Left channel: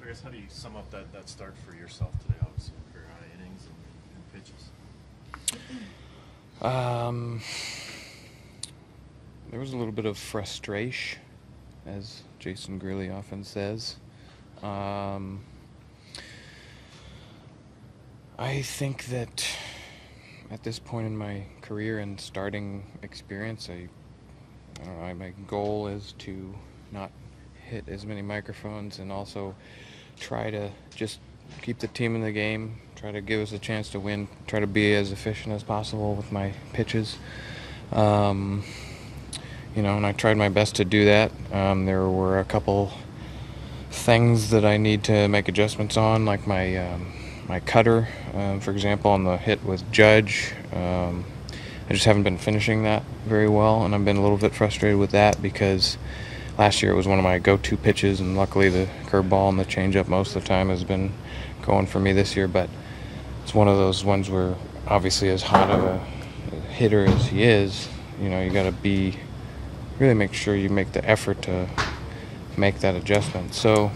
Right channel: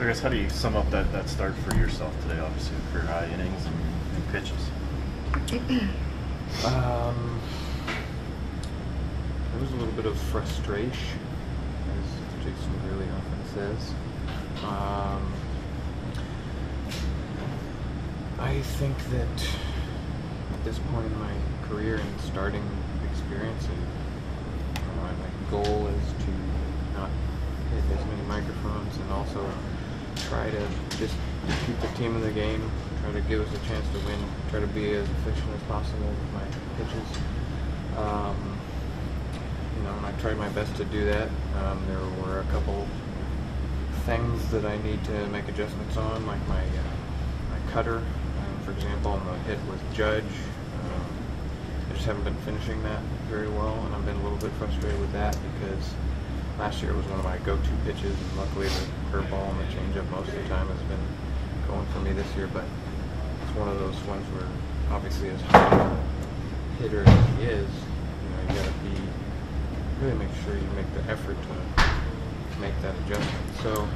So I guess how do you sum up that start for yourself today? Obviously, career high innings and pitches. There was a little bit of frustration, as Jason Greeley often says. I think that at this point in my career and starting experience, my goal is to not hit as many microphones and also try to just keep the team in the game, try to give us a chance to win, try to be as efficient as possible with my pitches. And I tried my best to do that. There were a couple things that I need to make adjustments on, like my cutter, for example, on the hit with Judge. I just haven't been finishing that very well, and I've been a little bit frustrated with that because last year it was one of my go-to pitches, and luckily the curveball and the changeup most of the time has been going for me this year. But it's one of those ones where, obviously, as hot of a hitter as he is, you got to really make sure you make the effort to make that adjustment. So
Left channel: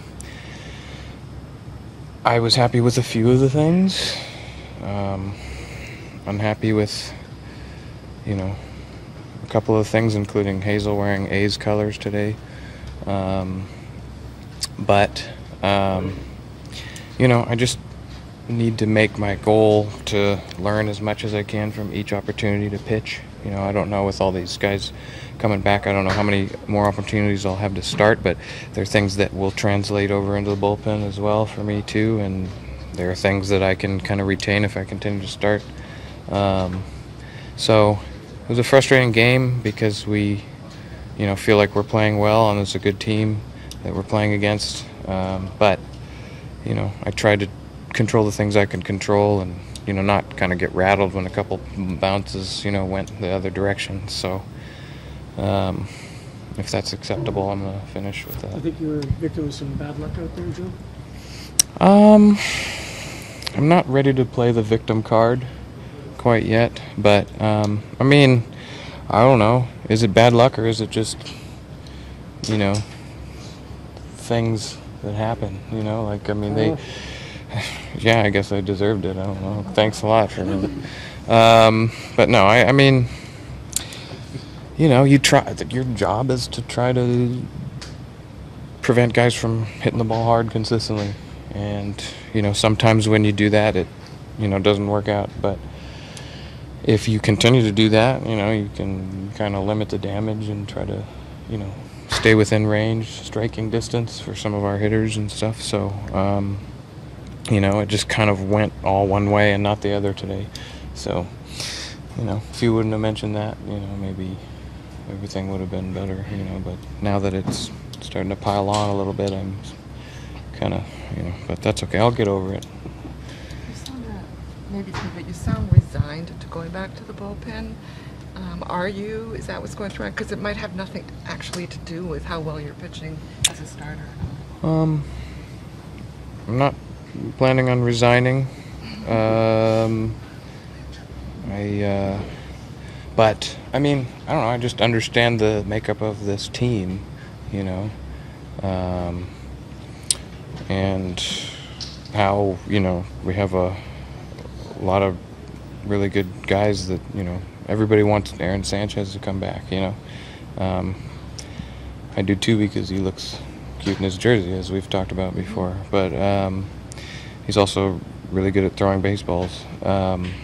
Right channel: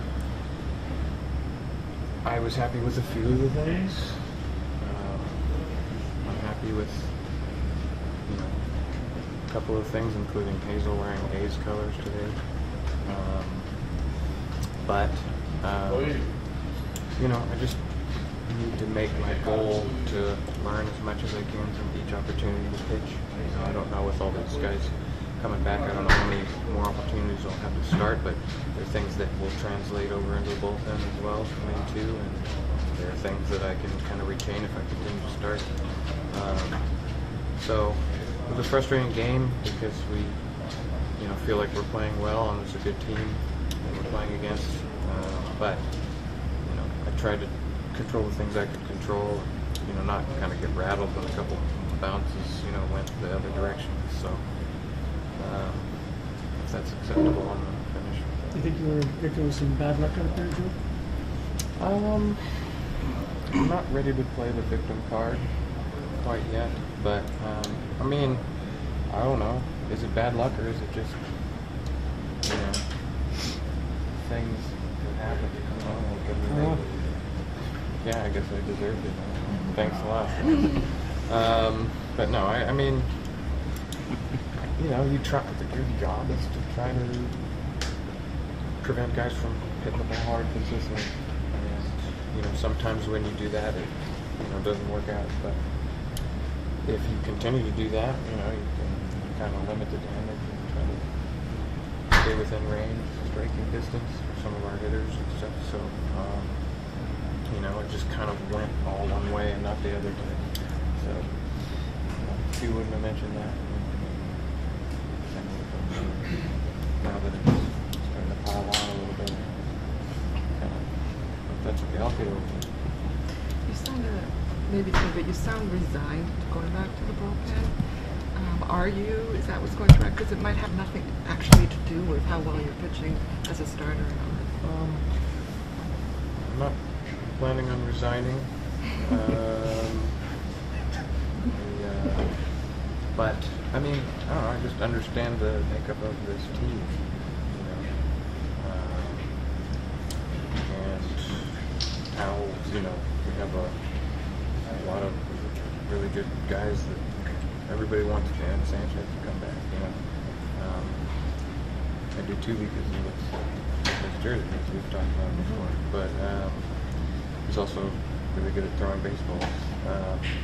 I was happy with a few of the things. I'm happy with, a couple of things, including Hazel wearing A's colors today. I just need to make my goal to learn as much as I can from each opportunity to pitch. I don't know, with all these guys coming back, I don't know how many more opportunities I'll have to start, but there are things that will translate over into the bullpen as well for me too, and there are things that I can kind of retain if I continue to start. So it was a frustrating game because we, feel like we're playing well and it's a good team that we're playing against. But I tried to control the things I can control and, not kind of get rattled when a couple bounces, went the other direction. So if that's acceptable, I'm going to finish with that. I think you were victim of some bad luck out there, Joe? I'm not ready to play the victim card quite yet, but I don't know. Is it bad luck or is it just, things that happen? Yeah, I guess I deserved it. I don't know. Thanks a lot for it. But no, you try. Your job is to try to prevent guys from hitting the ball hard consistently, and sometimes when you do that, it doesn't work out. But if you continue to do that, you can kind of limit the damage and try to stay within range, striking distance for some of our hitters and stuff. So it just kind of went all one way and not the other today. So if you wouldn't have mentioned that, maybe everything would have been better, but now that it's starting to pile on a little bit, I'm kind of, but that's okay. I'll get over it. You sound, maybe too, but you sound resigned to going back to the bullpen. Are you? Is that what's going through? Because it might have nothing actually to do with how well you're pitching as a starter. I'm not planning on resigning. But I don't know. I just understand the makeup of this team, and how we have a lot of really good guys that everybody wants Aaron Sanchez to come back. I do too, because he looks cute in his jersey, as we've talked about before. But he's also really good at throwing baseballs.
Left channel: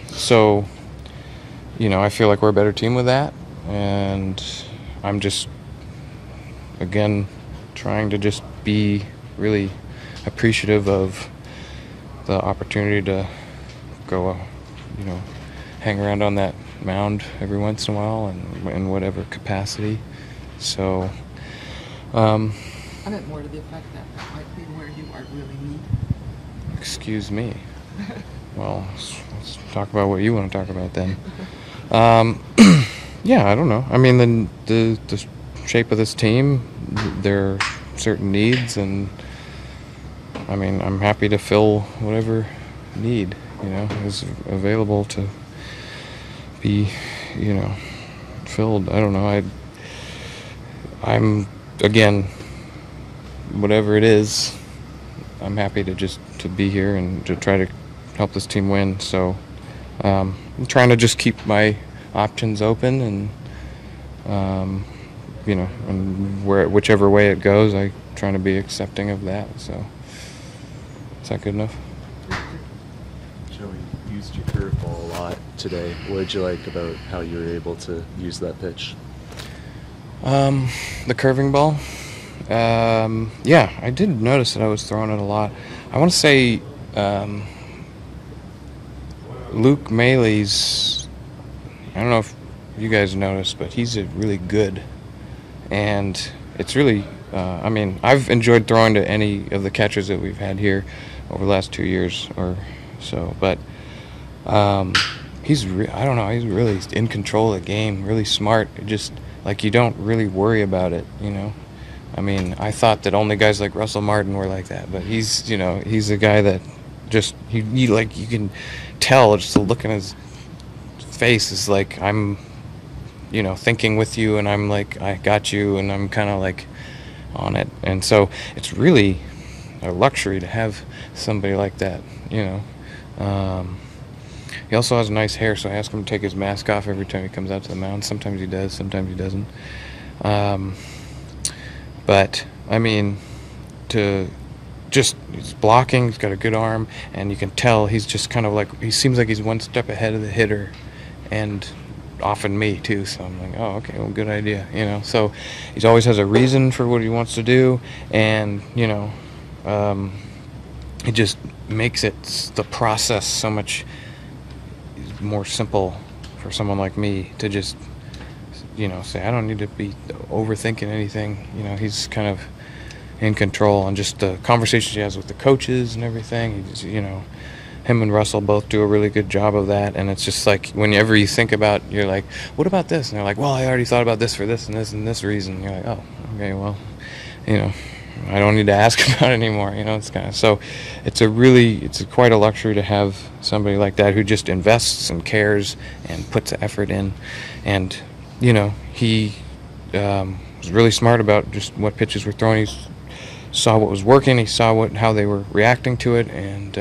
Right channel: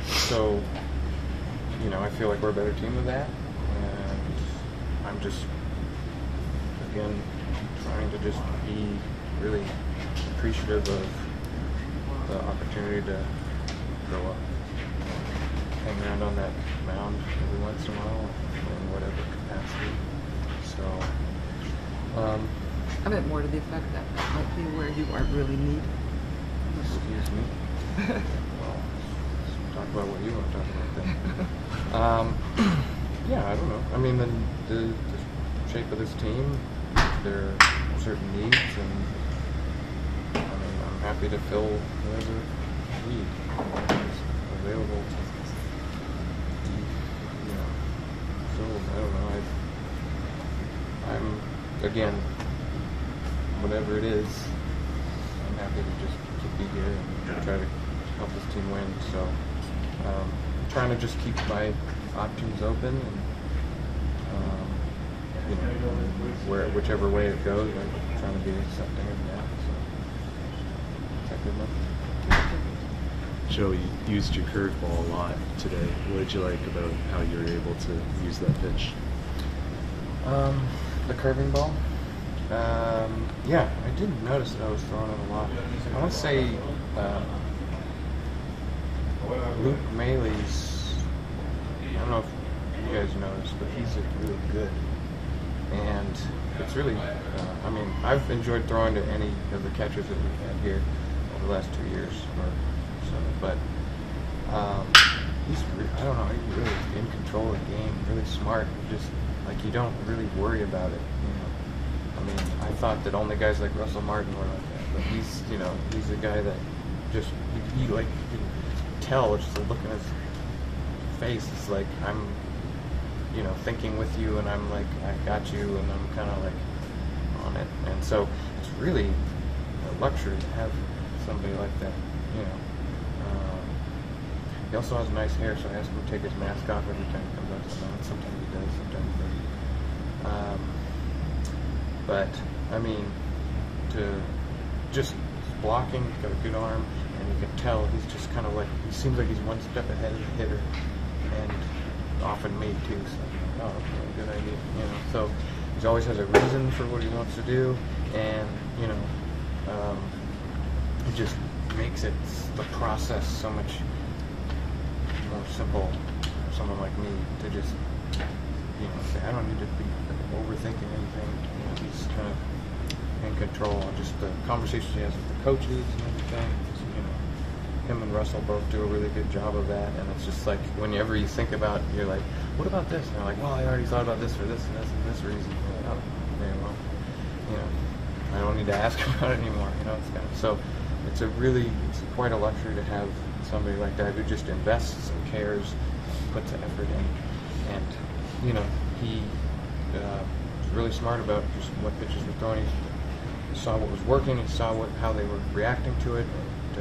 So I feel like we're a better team with that, and I'm just, again, trying to just be really appreciative of the opportunity to go, hang around on that mound every once in a while and in whatever capacity. So, I meant more to the effect that might be where you are really needed. Excuse me. Well, let's talk about what you want to talk about then. Yeah, I don't know. The shape of this team, there are certain needs, and I'm happy to fill whatever need is available to be filled. I don't know. I'm again, whatever it is, I'm happy to be here and to try to help this team win. So I'm trying to just keep my options open, and and whichever way it goes, I'm trying to be accepting of that. So is that good enough? Joe, you used your curveball a lot today. What did you like about how you were able to use that pitch? The curving ball. Yeah, I did notice that I was throwing it a lot. I want to say Luke Maile's, I don't know if you guys noticed, but he's really good. And it's really, I've enjoyed throwing to any of the catchers that we've had here over the last 2 years or so. But he's really in control of the game, really smart. Just like you don't really worry about it, I thought that only guys like Russell Martin were like that, but he's a guy that just you can tell just the look in his face is like I'm thinking with you, and I'm like I got you, and I'm kind of like on it. And so it's really a luxury to have somebody like that. He also has nice hair, so I ask him to take his mask off every time he comes out to the mound. Sometimes he does, sometimes he doesn't. But he's blocking, he's got a good arm, and you can tell he's just kind of like, he seems like he's one step ahead of the hitter, and often me too. So I'm like, oh, okay, well, good idea, So he always has a reason for what he wants to do, and it just makes the process so much more simple for someone like me to just say I don't need to be overthinking anything. He's kind of in control, and just the conversations he has with the coaches and everything. Him and Russell both do a really good job of that. And it's just like whenever you think about, you're like, what about this? And they're like, well, I already thought about this for this and this and this reason. You're like, oh, okay, well, I don't need to ask about it anymore. It's kind of, so it's quite a luxury to have somebody like that who just invests and cares and puts the effort in. And he was really smart about just what pitches were thrown. He saw what was working. He saw how they were reacting to it, and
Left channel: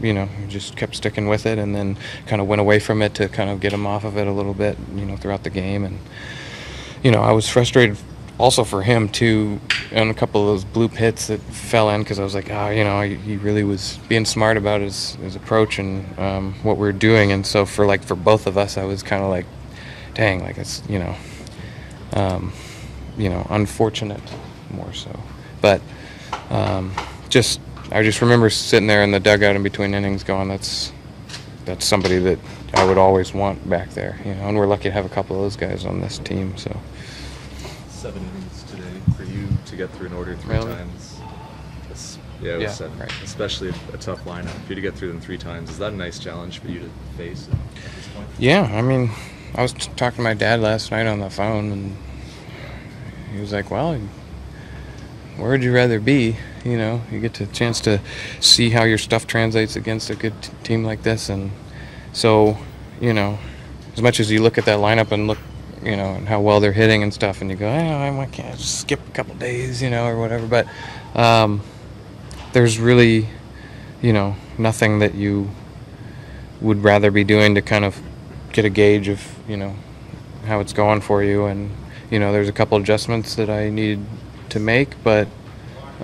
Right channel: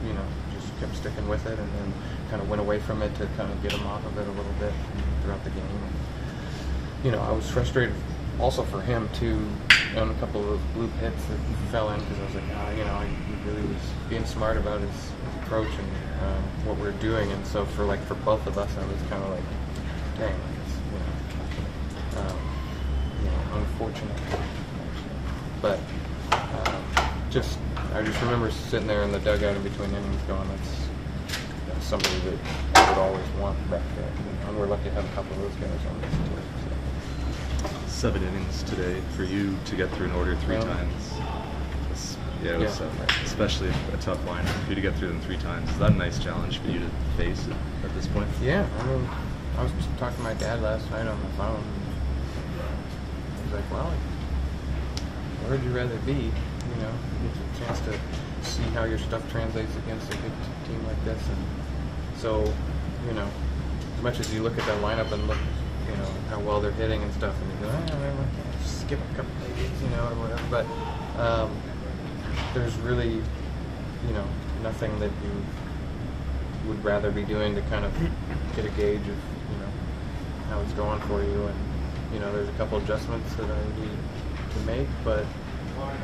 he just kept sticking with it, and then kind of went away from it to kind of get him off of it a little bit, throughout the game. And I was frustrated also for him too on a couple of those bloop hits that fell in, because I was like, he really was being smart about his approach and what we were doing. And so for both of us, I was kind of like, dang, like it's unfortunate more so. But I just remember sitting there in the dugout in between innings going, that's somebody that I would always want back there, and we're lucky to have a couple of those guys on this team. So 7 innings today for you to get through an order 3 Really? times. Yeah, it was 7. Right. Especially a tough lineup. For you to get through them 3 times, is that a nice challenge for you to face at this point? Yeah, I was talking to my dad last night on the phone, and he was like, well, where would you rather be? You get the chance to see how your stuff translates against a good team like this. And so, as much as you look at that lineup and look, and how well they're hitting and stuff, and you go, I can't just skip a couple days, or whatever. But there's really, nothing that you would rather be doing to kind of get a gauge of, how it's going for you. And, there's a couple adjustments that I needed to make, but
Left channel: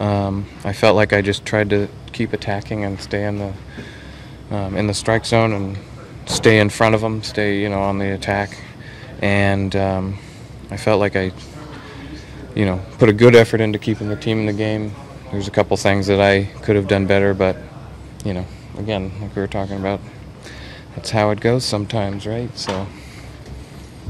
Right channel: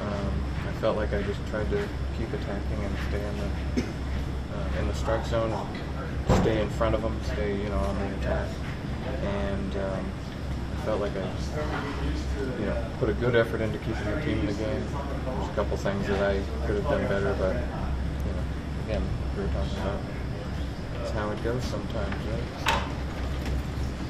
I felt like I just tried to keep attacking and stay in the strike zone and stay in front of them, stay, on the attack. And I felt like I, put a good effort into keeping the team in the game. There's a couple things that I could have done better, but, again, like we were talking about, that's how it goes sometimes, right? So.